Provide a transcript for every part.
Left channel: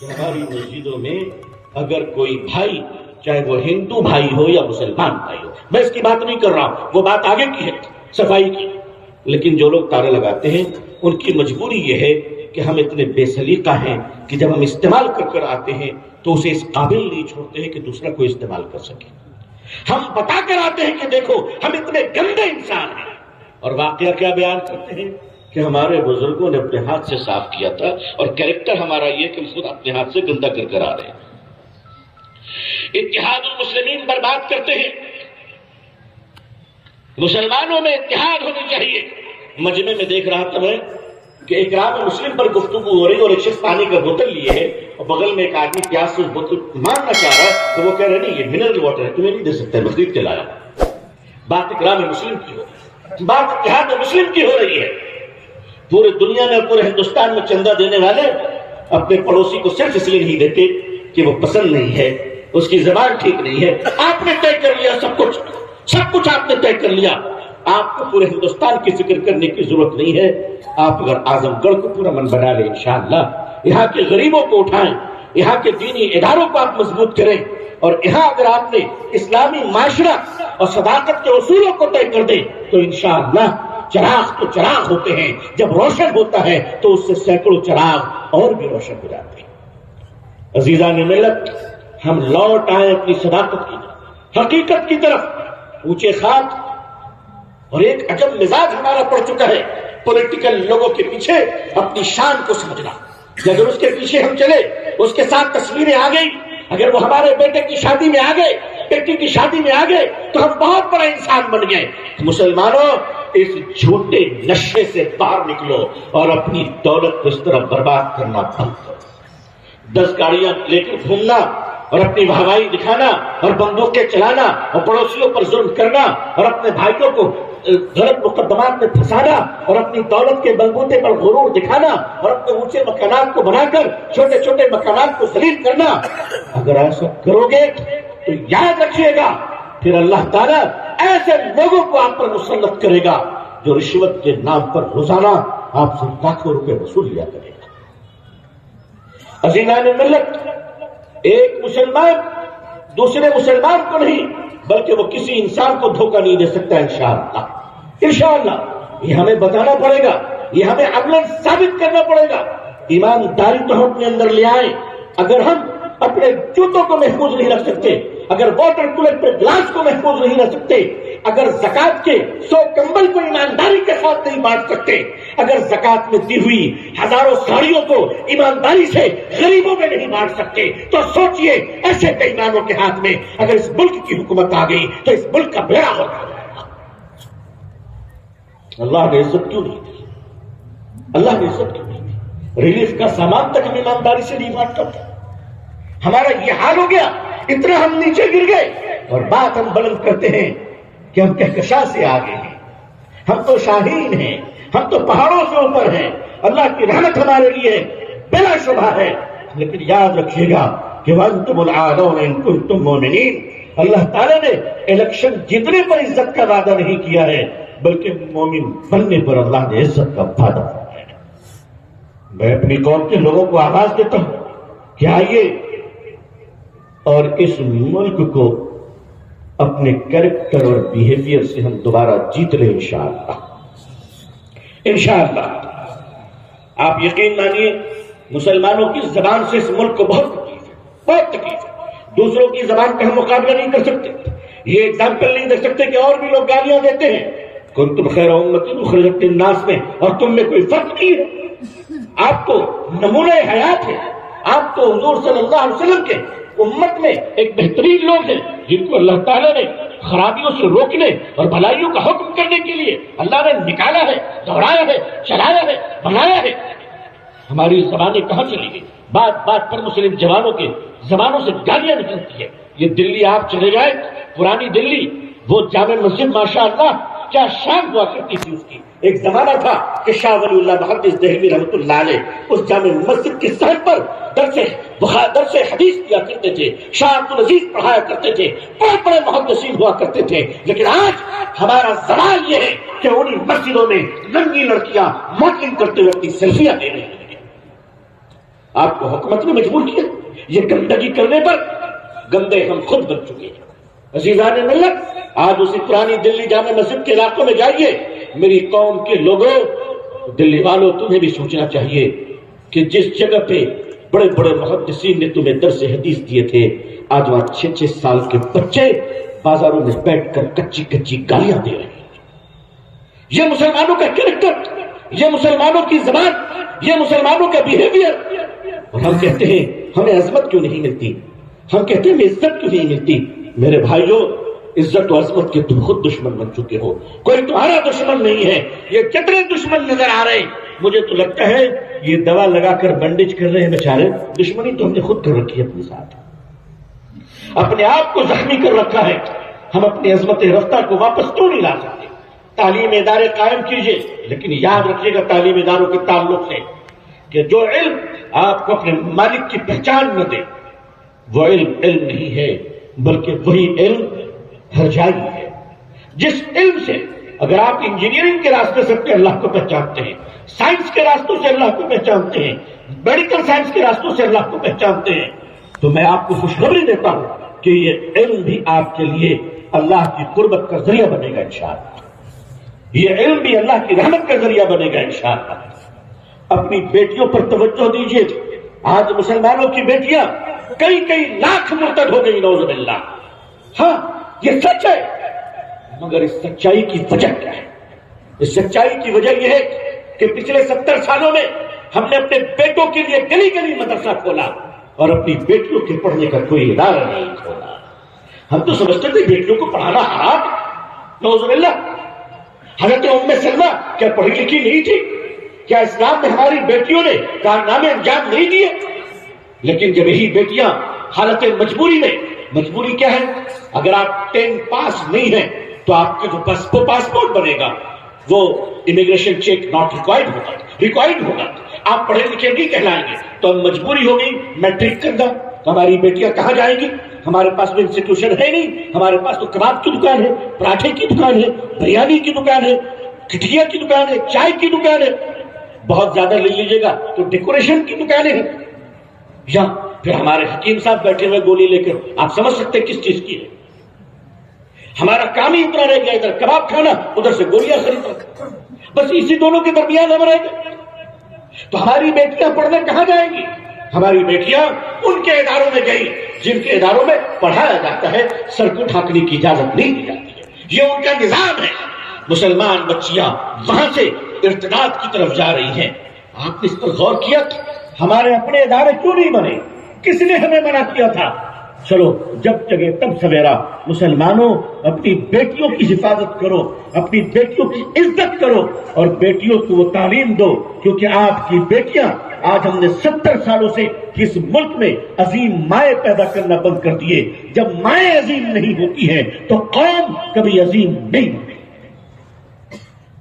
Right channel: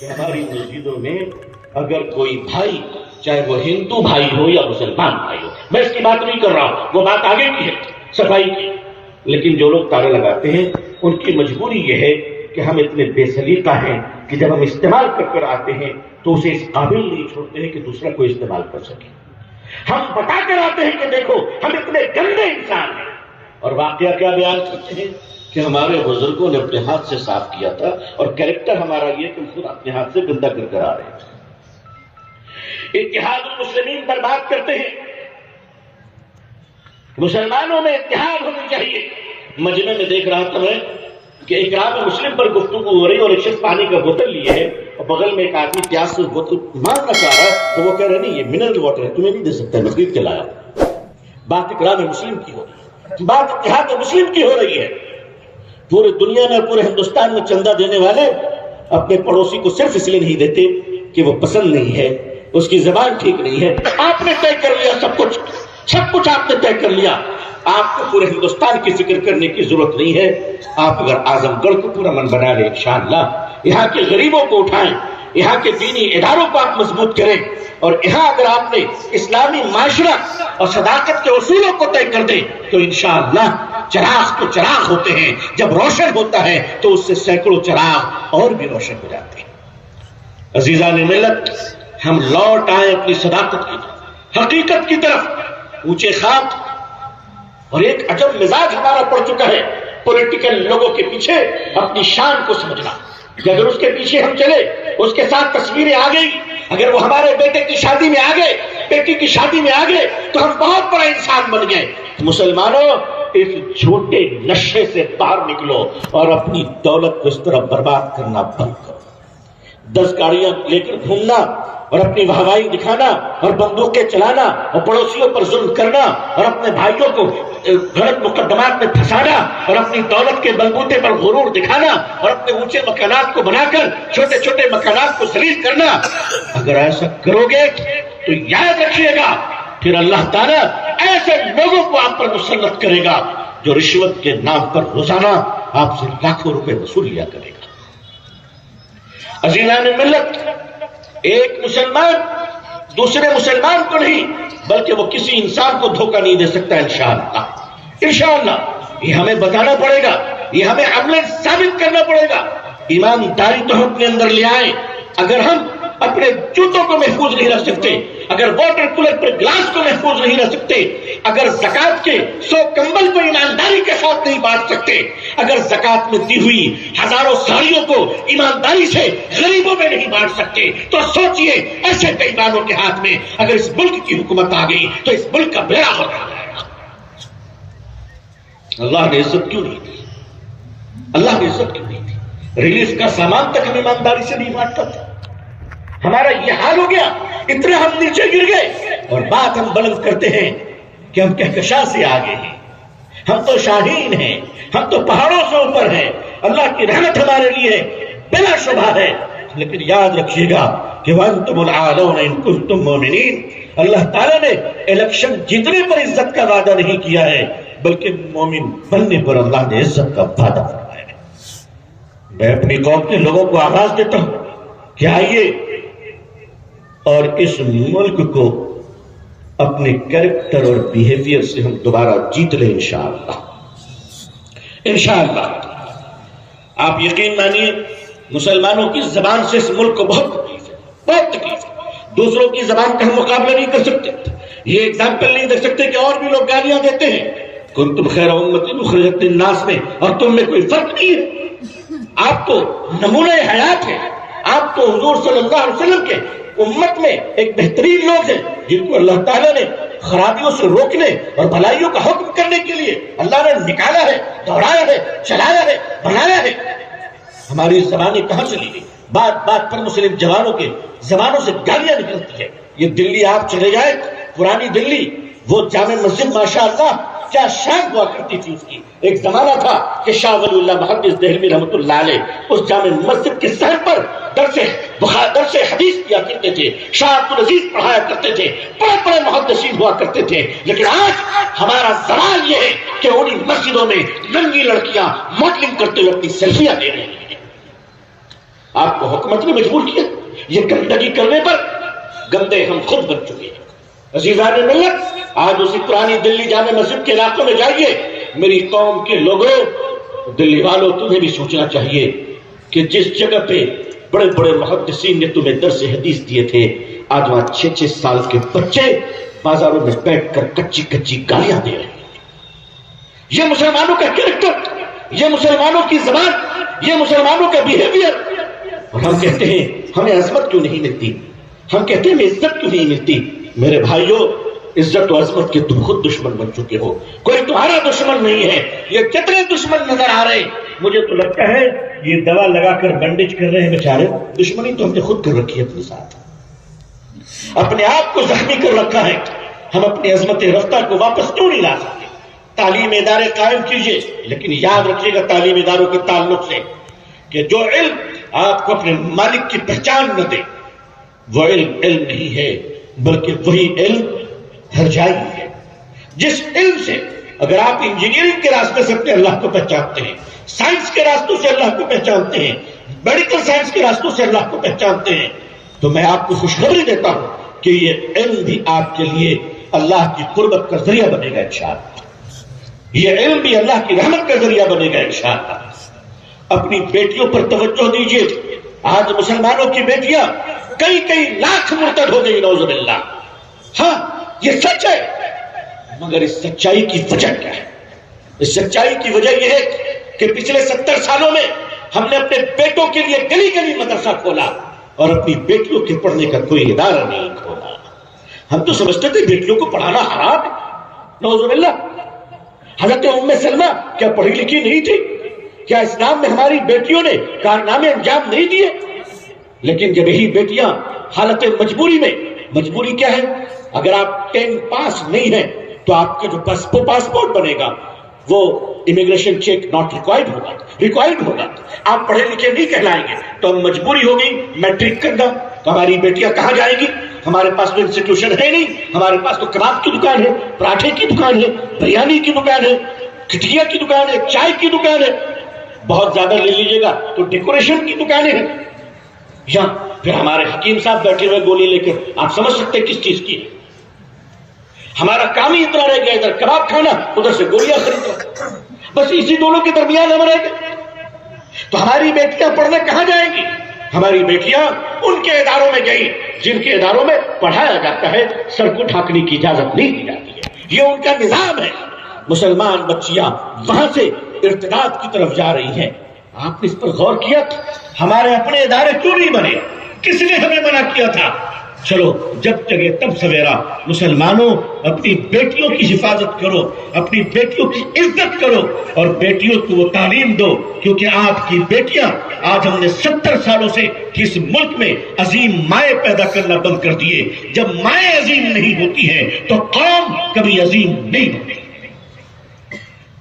کہ ہماری مسجدوں میں اگر کوئی بھائی، چاہے وہ ہندو بھائی ہو یا مسلمان بھائی ہو، میں اس کی بات نہیں کر رہا ہوں، وہ بات آگے کی ہے، صفائی کی، لیکن جو لوگ تالے لگاتے ہیں ان کی مجبوری یہ ہے کہ ہم اتنے بے سلیقہ ہیں کہ جب ہم استعمال کر آتے ہیں تو اسے اس قابل نہیں چھوڑتے ہیں کہ دوسرا کوئی استعمال کر سکے۔ ہم بتا کر آتے ہیں کہ دیکھو ہم اتنے گندے انسان ہیں، اور واقعہ کیا بیان کرتے ہیں کہ ہمارے بزرگوں نے اپنے ہاتھ سے صاف کیا تھا، اور کریکٹر ہمارا یہ کہ خود اپنے ہاتھ سے گندا کر آ رہے ہیں۔ اتحاد المسلمین برباد کرتے ہیں۔ مسلمانوں میں اتحاد ہونی چاہیے۔ مجمع میں دیکھ رہا تھا میں کہ اکرام مسلم پر گفتگو ہو رہی، اور ایک شخص پانی کا بوتل لیے ہے اور بغل میں ایک آدمی پیاس سے بوتل مارنا چاہ رہا ہے، تو وہ کہہ رہے نہیں، یہ منرل واٹر ہے، تمہیں نہیں دے سکتا، میں خرید کے لایا۔ بات اکرام مسلم کی ہو رہی ہے، بات اتحاد مسلم کی ہو رہی ہے۔ پورے دنیا میں، پورے ہندوستان میں چندہ دینے والے اپنے پڑوسی کو صرف اس لیے نہیں دیتے کہ وہ پسند نہیں ہے، اس کی زبان ٹھیک نہیں ہے۔ آپ نے طے کر لیا سب کچھ آپ نے طے کر لیا۔ آپ کو پورے ہندوستان کی ذکر کرنے کی ضرورت نہیں ہے۔ آپ اگر اعظم گڑھ کو پورا من بنا لیں انشاءاللہ، یہاں کے غریبوں کو اٹھائیں، یہاں کے دینی اداروں کو آپ مضبوط کریں، اور یہاں اگر آپ نے اسلامی معاشرت اور صداقت کے اصولوں کو طے کر دیں تو انشاءاللہ چراغ تو چراغ ہوتے ہیں، جب روشن ہوتا ہے تو اس سے سینکڑوں چراغ اور بھی روشن ہو جاتے ہیں۔ عزیزان ملت، ہم لوٹ آئے اپنی صداقت کی طرف، حقیقت کی طرف۔ اونچے خاک اور ایک عجب مزاج ہمارا پڑ چکا ہے پولیٹیکل لوگوں کے پیچھے اپنی شان کو سمجھنا، کہ اگر اس کے پیچھے ہم چلے، اس کے ساتھ تصویریں آ گئی، اگر وہ ہمارے بیٹے کی شادی میں آ گئے، بیٹی کی شادی میں آ گئے، تو ہم بہت بڑا انسان بن گئے۔ مسلمانوں، اس جھوٹے نشے سے باہر نکلو اور اپنی دولت کو اس طرح برباد کرنا بند کرو۔ 10 گاڑیاں لے کر گھومنا اور اپنی واہوائی دکھانا اور بندوقیں چلانا اور پڑوسیوں پر ظلم کرنا اور اپنے بھائیوں کو غلط مقدمات میں پھنسانا اور اپنی دولت کے بلبوتے پر غرور دکھانا اور اپنے اونچے مکانات کو بنا کر چھوٹے چھوٹے مکانات کو ذلیل کرنا، اگر ایسا کرو گے تو یاد رکھیے گا پھر اللہ تعالیٰ ایسے لوگوں کو آپ پر مسلط کرے گا جو رشوت کے نام پر روزانہ آپ سے لاکھوں روپے وصول لیا کرے گا۔ عزیزان ملت، ایک مسلمان دوسرے مسلمان کو نہیں بلکہ وہ کسی انسان کو دھوکہ نہیں دے سکتا انشاءاللہ۔ انشاءاللہ یہ ہمیں بتانا پڑے گا، یہ ہمیں عملاً ثابت کرنا پڑے گا۔ ایمانداری تو ہم اپنے اندر لے آئیں۔ اگر ہم اپنے جوتوں کو محفوظ نہیں رکھ سکتے، اگر واٹر کولر پر گلاس کو محفوظ نہیں رکھ سکتے، اگر زکوٰۃ کے 100 کمبل کو ایمانداری کے ساتھ نہیں بانٹ سکتے، اگر زکوٰۃ میں دی ہوئی ہزاروں ساڑیوں کو ایمانداری سے غریبوں میں نہیں بانٹ سکتے، تو سوچئے ایسے بے ایمانوں کے ہاتھ میں اگر اس ملک کی حکومت آ گئی تو اس ملک کا بیڑا ہو جائے گا۔ اللہ نے عزت کیوں نہیں دی؟ اللہ نے عزت کیوں نہیں دی؟ ریلیف کا سامان تک ہم ایمانداری سے نہیں بانٹتا تھا۔ ہمارا یہ حال ہو گیا، اتنا ہم نیچے گر گئے، اور بات ہم بلند کرتے ہیں کہ ہم کہکشاں سے آگے ہیں، ہم تو شاہین ہیں، ہم تو پہاڑوں سے اوپر ہیں، اللہ کی رحمت ہمارے لیے بلا شبہ ہے۔ لیکن یاد رکھیے گا کہ وَأَنْتُمُ الْأَعْلَوْنَ إِن كُنتُم مُؤْمِنِينَ، اللہ تعالیٰ نے الیکشن جیتنے پر عزت کا وعدہ نہیں کیا ہے بلکہ مومن بننے پر اللہ نے عزت کا وعدہ فرمایا ہے۔ میں اپنی قوم کے لوگوں کو آواز دیتا ہوں کہ آئیے اور اس ملک کو اپنے کریکٹر اور بیہیویئر سے ہم دوبارہ جیت لیں انشاءاللہ۔ انشاءاللہ آپ یقین مانیے، مسلمانوں کی زبان سے اس ملک کو بہت تکلیف ہے، بہت تکلیف ہے۔ دوسروں کی زبان کا ہم مقابلہ نہیں کر سکتے، یہ ایگزامپل نہیں دے سکتے کہ اور بھی لوگ گالیاں دیتے ہیں کنتم خیر امۃ اخرجت للناس میں، اور تم میں کوئی فرق نہیں ہے۔ آپ تو نمونہ حیات ہیں، آپ تو حضور صلی اللہ علیہ وسلم کے امت میں ایک بہترین لوگ ہیں جن کو اللہ تعالیٰ نے خرابیوں سے روکنے اور بھلائیوں کا حکم کرنے کے لیے اللہ نے نکالا ہے، دوڑایا ہے، چلایا ہے، بنایا ہے۔ ہماری زبانیں کہاں چلی گئی؟ بات بات پر مسلم جوانوں کے زبانوں سے گالیاں نکلتی ہے۔ یہ دلی آپ چلے جائیں، پرانی دلی، وہ جامع مسجد ماشاءاللہ کیا شان ہوا کرتی تھی اس کی. ایک زمانہ تھا کہ شاہ ولی اللہ محدث دہلوی رحمۃ اللہ علیہ اس جامع مسجد کے صحن پر درس حدیث کیا کرتے تھے, شاہ عبد العزیز پڑھایا کرتے تھے, بڑے بڑے محدثین ہوا کرتے تھے. لیکن آج ہمارا زوال یہ ہے کہ انہی مسجدوں میں ننگی لڑکیاں ماڈلنگ کرتے ہوئے اپنی سیلفیاں دے رہے ہیں. آپ کو حکومت نے مجبور کیا یہ گندگی کرنے پر. گندے ہم خود بن چکے ہیں. عزیزان ملت, آج اسی پرانی دلی جامع مسجد کے علاقوں میں جائیے. میری قوم کے لوگوں, دلی والوں, تمہیں بھی سوچنا چاہیے کہ جس جگہ پہ بڑے بڑے محدثین نے تمہیں درس حدیث دیے تھے, آج وہاں 6-6 سال کے بچے بازاروں میں بیٹھ کر کچی کچی گالیاں دے رہے ہیں. یہ مسلمانوں کا کریکٹر, یہ مسلمانوں کی زبان, یہ مسلمانوں کا بیہیویئر. اور ہم کہتے ہیں ہمیں عظمت کیوں نہیں ملتی, ہم کہتے ہیں ہمیں عزت کیوں نہیں ملتی. میرے بھائیوں, عزت و عظمت کے تم خود دشمن بن چکے ہو, کوئی تمہارا دشمن نہیں ہے. یہ کتنے دشمن نظر آ رہے ہیں. مجھے تو لگتا ہے یہ دوا لگا کر بینڈیج کر رہے ہیں بیچارے. دشمنی تو ہم نے خود کر رکھی ہے اپنے ساتھ, اپنے آپ کو زخمی کر رکھا ہے. ہم اپنی عظمت رفتہ کو واپس کیوں نہیں لا سکتے؟ تعلیم ادارے قائم کیجئے, لیکن یاد رکھیے گا تعلیم اداروں کے تعلق سے کہ جو علم آپ کو اپنے مالک کی پہچان نہ دے وہ علم نہیں ہے, بلکہ وہی علم ہرجائی ہے. جس علم سے اگر آپ انجینئرنگ کے راستے سے اپنے اللہ کو پہچانتے ہیں, سائنس کے راستوں سے اللہ کو پہچانتے ہیں, میڈیکل سائنس کے راستوں سے اللہ کو پہچانتے ہیں, تو میں آپ کو خوشخبری دیتا ہوں کہ یہ علم بھی آپ کے لیے اللہ کی قربت کا ذریعہ بنے گا انشاءاللہ. یہ علم بھی اللہ کی رحمت کا ذریعہ بنے گا انشاءاللہ. اپنی بیٹیوں پر توجہ دیجیے. آج مسلمانوں کی بیٹیاں کئی لاکھ مرتد ہو گئی, نعوذ باللہ. ہاں یہ سچ ہے, مگر اس سچائی کی وجہ کیا ہے؟ اس سچائی کی وجہ یہ ہے کہ پچھلے 70 سالوں میں ہم نے اپنے بیٹوں کے لیے گلی گلی مدرسہ کھولا اور اپنی بیٹیوں کے پڑھنے کا کوئی ادارہ نہیں کھولا. ہم تو سمجھتے تھے بیٹیوں کو پڑھانا حرام, نعوذ باللہ. حضرت ام سلمہ کیا پڑھی لکھی نہیں تھی؟ کیا اسلام میں ہماری بیٹیوں نے کارنامے انجام نہیں دیے؟ لیکن جب یہی بیٹیاں حالت مجبوری میں, مجبوری کیا ہے؟ اگر آپ 10 پاس نہیں ہیں تو آپ کا جو پاسپورٹ بنے گا وہ امیگریشن چیک ناٹ ریکوائرڈ ہوگا. آپ پڑھے لکھے نہیں کہلائیں گے. تو مجبوری ہو گئی میٹرک کرنا. تو ہماری بیٹیاں کہاں جائیں گی؟ ہمارے پاس تو انسٹیٹیوشن ہے نہیں. ہمارے پاس تو کباب کی دکان ہے, پراٹھے کی دکان ہے, بریانی کی دکان ہے, کٹیا کی دکان ہے, چائے کی دکان ہے. بہت زیادہ لے لیجیے گا تو ڈیکوریشن کی دکانیں ہیں. یا پھر ہمارے حکیم صاحب بیٹھے ہوئے گولی لے کر, آپ سمجھ سکتے کس چیز کی ہے. ہمارا کام ہی اتنا رہ گیا, ادھر کباب کھانا, ادھر سے گولیاں خریدنا. بس اسی دونوں کے درمیان ہم رہ گئے. تو ہماری بیٹیاں پڑھنے کہاں جائیں گی؟ ہماری بیٹیاں ان کے اداروں میں گئی جن کے اداروں میں پڑھایا جاتا ہے, سر کو ڈھانکنے کی اجازت نہیں دی جاتی ہے. یہ ان کا نظام ہے. مسلمان بچیاں وہاں سے ارتداد کی طرف جا رہی ہیں. آپ نے اس پر غور کیا؟ ہمارے اپنے ادارے کیوں نہیں بنے؟ کس نے ہمیں منع کیا تھا؟ چلو جب جگہ تب سویرا. مسلمانوں اپنی بیٹیوں کی حفاظت کرو, اپنی بیٹیوں کی عزت کرو اور بیٹیوں کو وہ تعلیم دو, کیونکہ آپ کی بیٹیاں, آج ہم نے 70 سالوں سے اس ملک میں عظیم مائیں پیدا کرنا بند کر دیے. جب مائیں عظیم نہیں ہوتی ہیں تو قوم کبھی عظیم نہیں ہوتی.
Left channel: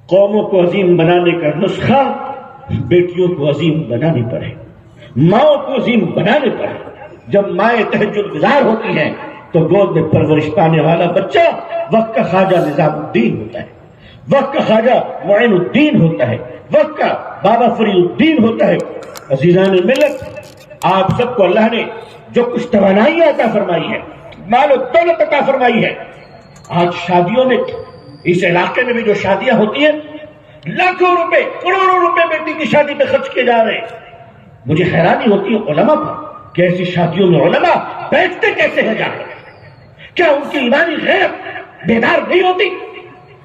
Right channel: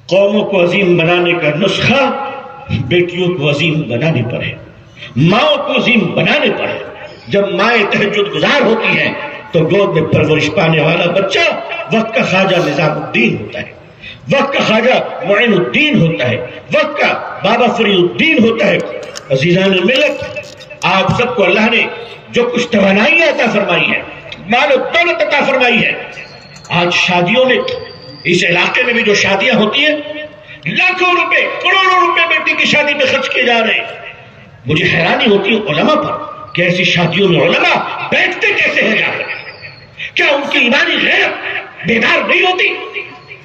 قوموں کو عظیم بنانے کا نسخہ بیٹیوں کو عظیم بنانے پر ہے, ماؤں کو عظیم بنانے پر ہے. جب مائیں تہجد گزار ہوتی ہیں تو گود میں پرورش پانے والا بچہ وقت کا خواجہ نظام الدین ہوتا ہے, وقت کا خواجہ معین الدین ہوتا ہے, وقت کا بابا فرید الدین ہوتا ہے. عزیزان ملت, آپ سب کو اللہ نے جو کچھ توانائیاں عطا فرمائی ہے, مال و دولت عطا فرمائی ہے. آج شادیوں میں, اس علاقے میں بھی جو شادیاں ہوتی ہیں, لاکھوں روپے, کروڑوں روپے بیٹی کی شادی میں خرچ کیے جا رہے ہیں. مجھے حیرانی ہوتی ہے علماء پر کہ ایسی شادیوں میں علماء بیٹھتے کیسے ہیں جا رہے ہیں؟ کیا ان کی ایمانی غیرت بیدار نہیں ہوتی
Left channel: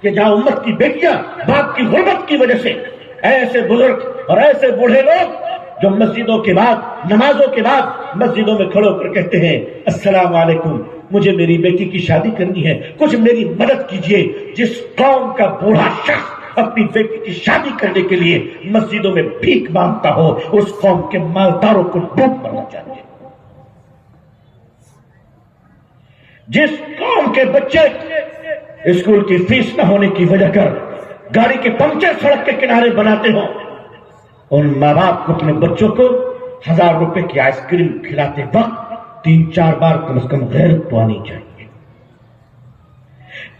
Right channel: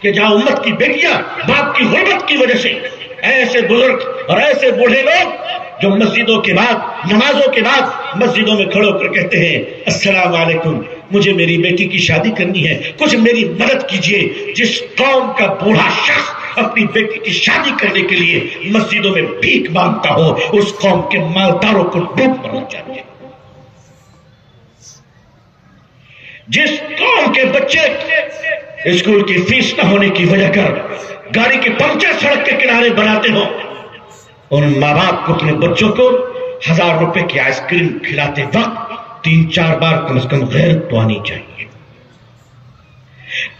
کہ جہاں امت کی بیٹیاں باپ کی غربت کی وجہ سے, ایسے بزرگ اور ایسے بوڑھے لوگ جو مسجدوں کے بعد, نمازوں کے بعد مسجدوں میں کھڑے ہو کر کہتے ہیں السلام علیکم, مجھے میری بیٹی کی شادی کرنی ہے, کچھ میری مدد کیجیے. جس قوم کا بوڑھا شخص اپنی بیٹی کی شادی کرنے کے لیے مسجدوں میں بھیک مانگتا ہو, اس قوم کے مالداروں کو ڈوب مرنا چاہیے. جس قوم کے بچے اسکول کی فیس نہ ہونے کی وجہ کر گاڑی کے پنچر سڑک کے کنارے بناتے ہو، ان ماں باپ کو اپنے بچوں کو 1000 روپے کی آئس کریم کھلاتے وقت 3-4 بار کم از کم غیرت تو آنی چاہیے۔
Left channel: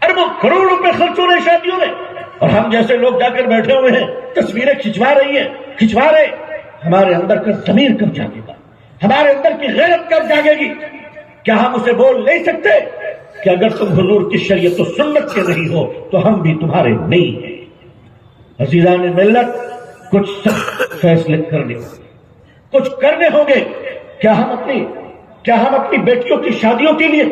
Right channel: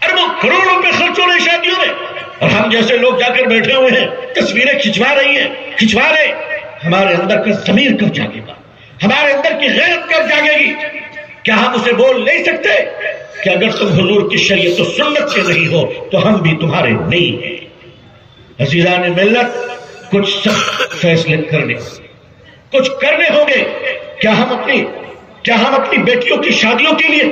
اربوں کروڑوں روپے خرچ ہو رہے شادیوں میں، اور ہم جیسے لوگ جا کر بیٹھے ہوئے ہیں، تصویریں کھنچوا رہے۔ ہمارے اندر کا ضمیر کب جاگے گا؟ ہمارے اندر کی غیرت کب جاگے گی؟ کیا ہم اسے بول نہیں سکتے کہ اگر تم حضور کی شریعت و سنت سے نہیں ہو تو ہم بھی تمہارے نہیں ہیں؟ عزیزان ملت، کچھ سخت فیصلے کچھ کرنے ہوں گے۔ کیا ہم اپنی بیٹیوں کی شادیوں کے لیے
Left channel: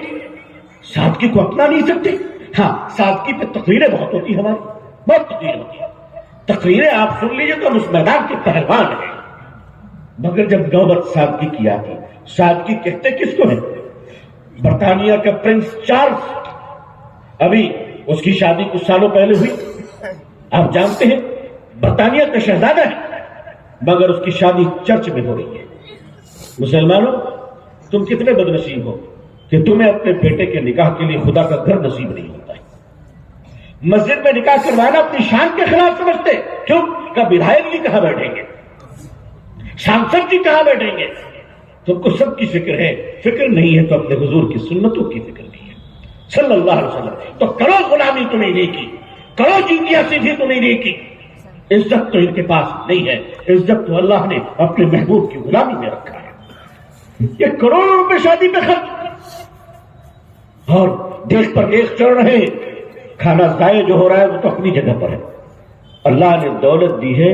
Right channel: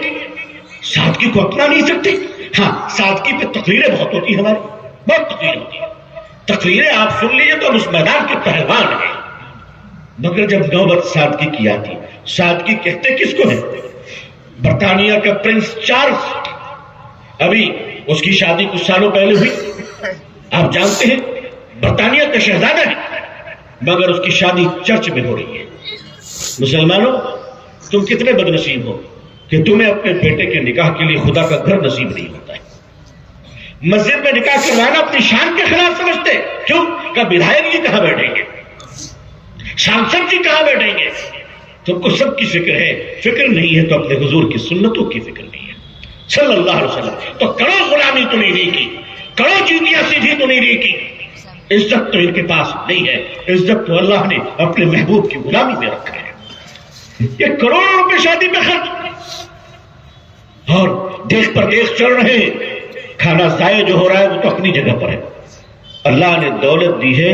سادگی کو اپنا نہیں سکتے؟ ہاں، سادگی پہ تقریریں بہت ہوتی ہیں، ہماری بہت تقریر ہوتی ہے۔ تقریریں آپ سن لیجیے تو ہم اس میدان کے پہلوان ہیں، مگر جب نوبت سادگی کی آتی، سادگی کہتے کس کو ہے؟ برطانیہ کا پرنس چارلز، ابھی اس کی شادی کچھ سالوں پہلے ہوئی، آپ جانتے ہیں برطانیہ کا شہزادہ ہے، مگر اس کی شادی چرچ میں ہو رہی ہے۔ مسلمانوں، تم کتنے بد نصیب ہو کہ تمہیں اپنے بیٹے کے نکاح کے لیے خدا کا گھر نصیب نہیں ہوتا ہے۔ مسجد میں نکاح کروانا اپنی شان کے خلاف سمجھتے، کیوں کہ بدھائک جی کہاں بیٹھیں گے، سانسد جی کہاں بیٹھیں گے؟ تم کو سب کی فکر ہے، فکر نہیں ہے تو اپنے حضور کی سنتوں کی فکر نہیں ہے صلی اللہ علیہ وسلم۔ تو کرو غلامی تو نہیں کی، کرو چیتیاں سیدھی تو نہیں کی، عزت تو ان کے پاس نہیں ہے، عزت تو اللہ نے اپنے محبوب کی غلامی میں رکھا ہے۔ یہ کروڑوں روپے شادی پہ خرچ، اور دیکھ پر دیکھ چڑھ رہے ہیں۔ کھانا ضائع جو ہو رہا ہے وہ تو اپنی جگہ پر ہے، اللہ نے دولت دی ہے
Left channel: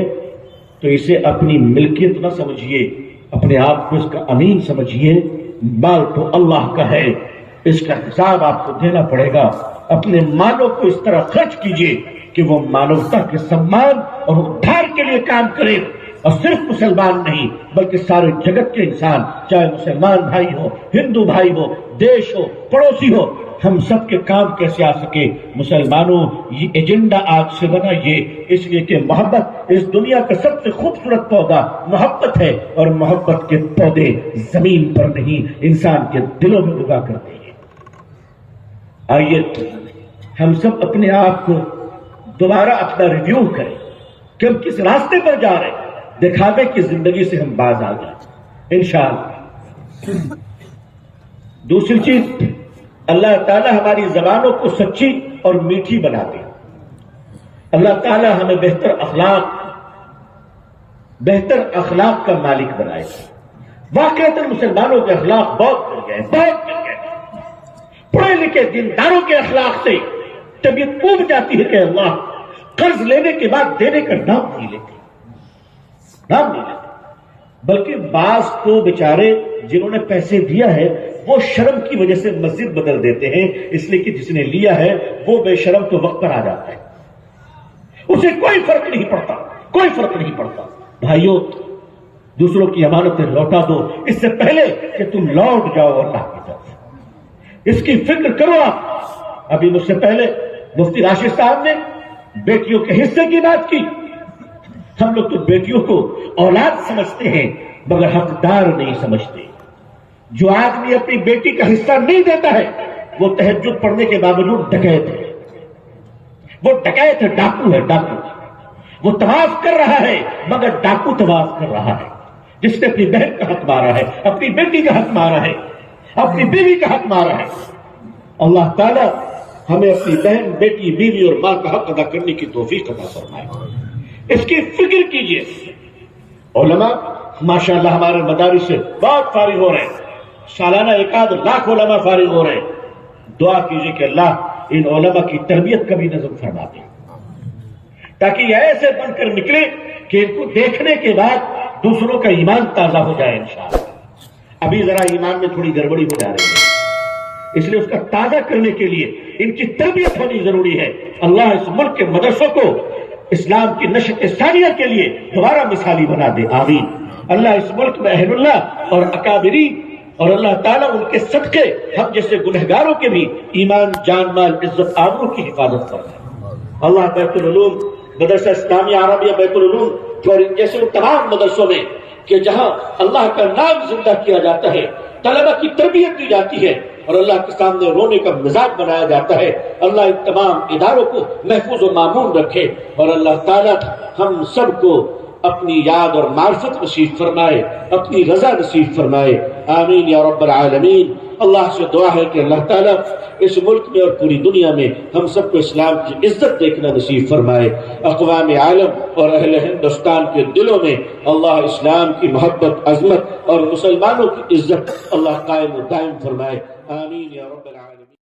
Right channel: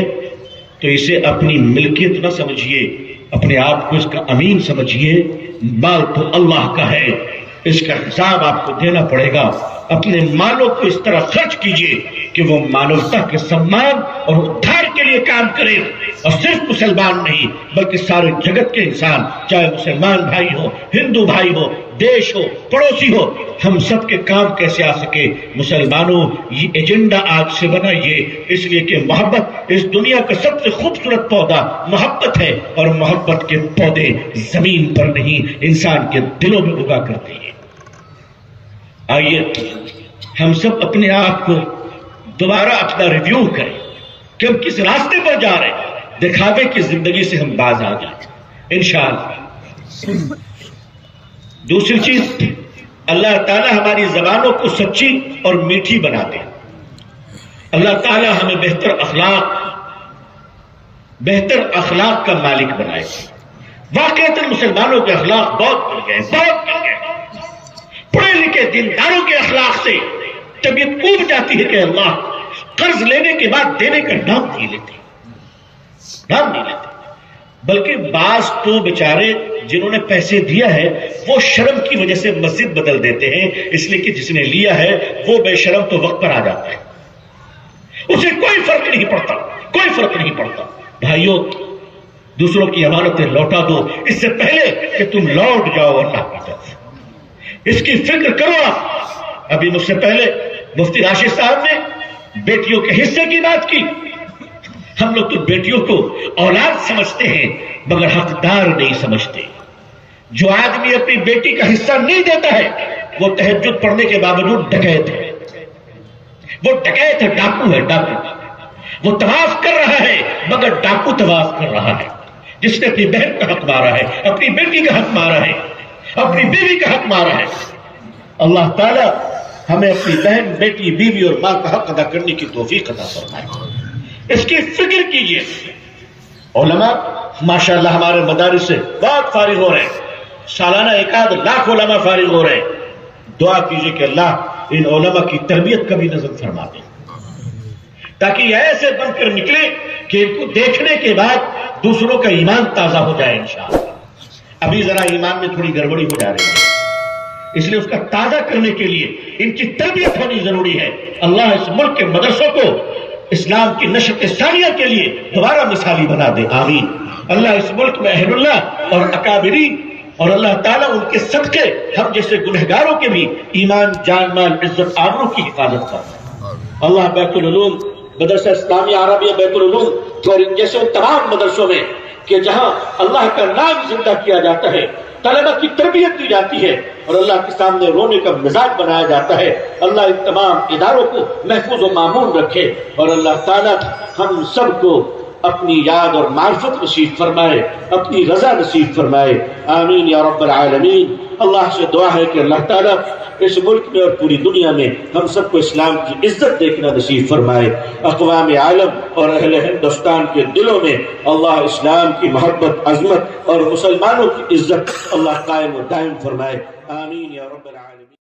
تو اسے اپنی ملکیت نہ سمجھیے، اپنے آپ کو اس کا امین سمجھیے۔ مال تو اللہ کا ہے، اس کا حساب آپ کو دینا پڑے گا۔ اپنے مالوں کو اس طرح خرچ کیجئے کہ وہ مانوتا کے سمان اور ادھار کے لیے کام کرے، اور صرف مسلمان نہیں بلکہ سارے جگت کے انسان، چاہے مسلمان بھائی ہو، ہندو بھائی ہو، دیش ہو، پڑوسی ہو، ہم سب کے کام کیسے آ سکے۔ مسلمانوں، یہ ایجنڈا آج سے بنائیے، اس لیے کہ محبت اس دنیا کا سب سے خوبصورت پودا محبت ہے، اور محبت کے پودے زمین پر نہیں انسان کے دلوں میں اگا کرتے ہیں۔ آئیے ہم سب اپنے آپ کو دوبارہ اپنا ریویو کریں کہ ہم کس راستے پر جا رہے ہیں، دکھاوے کی زندگی سے ہم باز آ جائیں انشاءاللہ۔ دوسری چیز، اللہ تعالی ہماری زبانوں کو سچی اور میٹھی بنا دے۔ اللہ تعالی ہمیں بہتر اخلاق کا مالک بنائے۔ واقعتاً مسلمانوں کے اخلاق بہت مل گئے، پڑھے لکھے دینداروں کے اخلاق سے طبیعت اوب جاتی ہے کہ اللہ قرض لینے کے بعد دینے کا نام نہیں لیتے، بلکہ بعض تو بیچارے جنہوں نے پیسے دیا ہے وہ شرم کی وجہ سے مسجد بدل دیتے ہیں، اس لیے کہ جس نے لیا ہے وہ بے شرم تو وقت پر آ جاتا ہے، اسے کوئی فرق نہیں پڑتا۔ بھائیوں، دوسروں کی امانتیں لوٹا دو اس سے پہلے کہ تم لوٹ جاؤ اللہ کی طرف، اس کی فکر کرو۔ آپ ابھی مجھ سے پہلے مفتی راشد صاحب نے بیٹیوں کے حصے کی بات کی۔ ہم لوگ تو بیٹیوں کو اولاد سمجھتے ہیں مگر حقدار نہیں سمجھتے۔ جو آدمی اپنی بیٹی کا حصہ نہیں دیتا ہے وہ تہجد پڑھنے کے باوجود ڈکیت ہے، ڈاکو ہے۔ وہ طواف کر رہا ہے مگر ڈاکو طواف کر رہا ہے، جس نے اپنی بہن کا حق مارا ہے، اپنی بیٹی کا حق مارا ہے، اپنی بیوی کا حق مارا ہے۔ اللہ تعالی ہمیں اپنی بہن، بیٹی، بیوی اور ماں کا حق ادا کرنے کی توفیق عطا فرمائے۔ اس کی فکر کیجئے۔ علماء ماشاءاللہ ہمارے مدارس سے بہت فارغ ہو رہے ہیں، سالانہ 1 لاکھ علماء فارغ ہو رہے ہیں۔ دعا کیجئے کہ اللہ ان علماء کی تربیت کا بھی نظر فرما دے، تاکہ یہ ایسے بن کر نکلے کہ ان کو دیکھنے کے بعد دوسروں کا ایمان تازہ ہو جائے انشاءاللہ۔ ابھی ذرا ایمان میں تھوڑی گڑبڑی ہو جا رہی ہے، اس لیے اس کا تازہ کرنے کے لیے ان کی تربیت ہونی ضروری ہے۔ اللہ اس ملک کے مدرسوں کو اسلام کی نشت ثانیہ کے لیے دوبارہ مثالی بنا دے، آمین۔ اللہ اس ملک میں اہل اللہ اور اکابرین اور اللہ تعالیٰ ان کے صدقے ہم جیسے گنہگاروں کے بھی ایمان، جان، مال، عزت، آبرو کی حفاظت فرمائے۔ اللہ بیت العلوم، مدرسہ اسلامیہ عربیہ بیت العلوم اور ان جیسے تمام مدرسوں میں کہ جہاں اللہ کا نام زندہ کیا جاتا ہے، طلبہ کی تربیت دی جاتی ہے اور اللہ کے سامنے رونے کا مزاج بنایا جاتا ہے۔ اللہ ان تمام اداروں کو محفوظ و معمون رکھے اور اللہ تعالیٰ ہم سب کو اپنی یاد اور معرفت نصیب فرمائے، اپنی رضا نصیب فرمائے، آمین یا رب العالمین۔ اللہ سے دعا ہے کہ اللہ تعالیٰ اس ملک میں اور پوری دنیا میں ہم سب کو اسلام کی عزت دیکھنا نصیب فرمائے۔ اقوام عالم اور اہل ہندوستان کے دلوں میں اللہ اسلام کی محبت، عظمت اور مسلمانوں کی عزت اللہ قائم و دائم فرمائے، آمین یا رب العالمین۔